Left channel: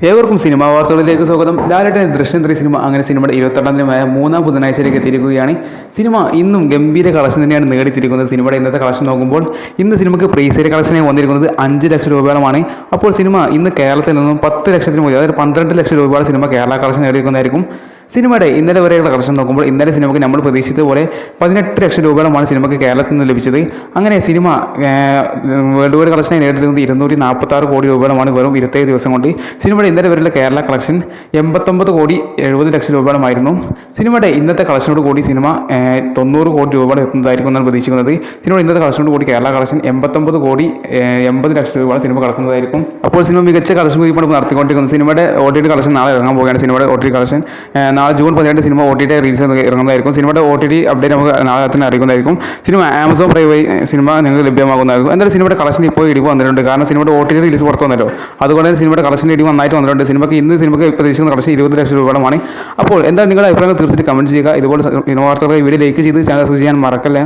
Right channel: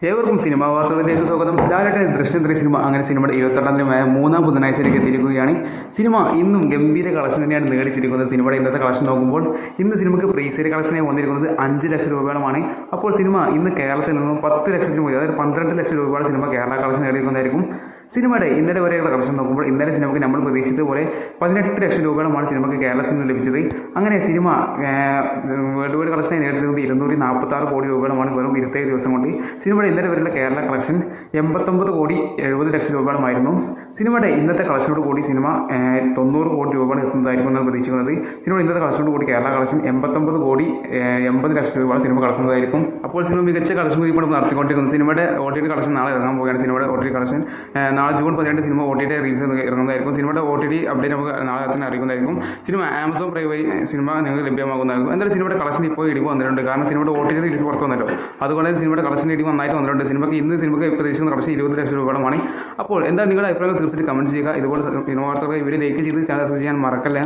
ഏവർക്കും സിനിമാ വാർത്തകളിലേക്ക് സ്വാഗതം. ലാലേട്ടൻ ദൃശ്യം 3 സിനിമ അങ്ങനെ സിനിമയുടെ 28ാം ദിനമായ മൂന്നാം ബുധനാഴ്ചയിലേക്ക് എത്തിയിരിക്കുകയാണ്. സിനിമ ഇന്നും ഗംഭീര കളക്ഷൻ തന്നെയാണ് നേടിത്തിരിക്കുന്നത്. സിനിമയുടെ ഇന്നത്തെ കളക്ഷൻ നോക്കുമ്പോൾ ഇന്ന് സിനിമയ്ക്ക് പ്രീസെയിൽ കളക്ഷനായി വന്നിരിക്കുന്നത് 5 ലക്ഷം രൂപയോളമാണ്. അപ്പോൾ സിനിമ ഇന്ന് കേരളത്തിൽ നിന്നും 10 ലക്ഷത്തിന് മുകളിൽ, അതായത് 12 ലക്ഷം രൂപയുടെ സിനിമ കേരള കളക്ഷൻ നേടിയിരിക്കുന്നതായിരിക്കും. സിനിമയുടെ ഇന്നലെ വരെയുള്ള കളക്ഷൻ നോക്കുമ്പോൾ ഇന്നലെ സിനിമയ്ക്ക് നമ്മൾ പ്രതീക്ഷിച്ചതുപോലെ 18 ലക്ഷം രൂപയോളമാണ് സിനിമയ്ക്ക് കേരളത്തിൽ നിന്ന് ലഭിച്ചത്. അങ്ങനെ സിനിമ വേൾഡ് വൈഡ് കളക്ഷനായി നേടിയിരുന്നത് 246 കോടി രൂപയോളമാണ് വെറും 27 ദിവസം കൊണ്ട്. സിനിമയുടെ ഇന്നലെ വരെയുള്ള കേരള കളക്ഷൻ 89 കോടി 70 ലക്ഷം രൂപയോളമായിരുന്നു. സിനിമയുടെ ഇന്നത്തെ കളക്ഷനോട് കൂടി സിനിമ 90 കോടി രൂപയോളം എത്തുന്നതായിരിക്കും എന്നാണ് പ്രതീക്ഷിക്കുന്നത്. സിനിമയുടെ ഇന്നത്തെ കളക്ഷനോട് കൂടി കേരള കളക്ഷൻ 89 കോടി 80 ലക്ഷം രൂപയോളം സിനിമ കളക്കുന്നതായിരിക്കും. അപ്പോൾ സിനിമ മികച്ച കളക്ഷൻ ഇപ്പോൾ നടത്തിക്കൊണ്ടിരിക്കുന്നത്. സിനിമയുടെ OTT കളക്ഷൻ നാളെ ഇറങ്ങാൻ പോവുകയാണ്. സിനിമയുടെ OTT കളക്ഷൻ നാളെ ജൂൺ 12 സിനിമ OTT റിലീസ് ഇറങ്ങുന്നതായിരിക്കും. സിനിമയുടെ OTT അപ്ഡേറ്റ് നമുക്ക് നാളെ തന്നെ അറിയിക്കുന്നതായിരിക്കും. സിനിമ ആമസോൺ പ്രൈം വഴി സിനിമ നിങ്ങൾക്ക് ലഭ്യമാകുന്നതായിരിക്കും. എന്തായാലും സിനിമയുടെ കളക്ഷൻ ഇപ്പോൾ ഇടിവ് വന്നിട്ടുണ്ട്. കാരണം സിനിമയുടെ OTT റിലീസ് പുറത്തു വന്നല്ലോ. അതുകൊണ്ട് സിനിമയുടെ കളക്ഷൻ ഇടിവ് നന്നായിട്ട് വന്നിട്ടുണ്ട്. സിനിമയ്ക്ക് പ്രതീക്ഷിക്കുന്ന കളക്ഷൻ 20 ലക്ഷം രൂപയോളമാണ്. അപ്പോൾ എന്തായാലും നിങ്ങളുടെ അഭിപ്രായങ്ങൾ തീർച്ചയായിട്ടും കമന്റ് ചെയ്യുക. ഇതുപോലെ സിനിമ വാർത്തകളെ വീഡിയോ ലൈക്ക് ചെയ്ത് ചാനൽ സബ്സ്ക്രൈബ് ചെയ്യാൻ മറക്കല്ലേ.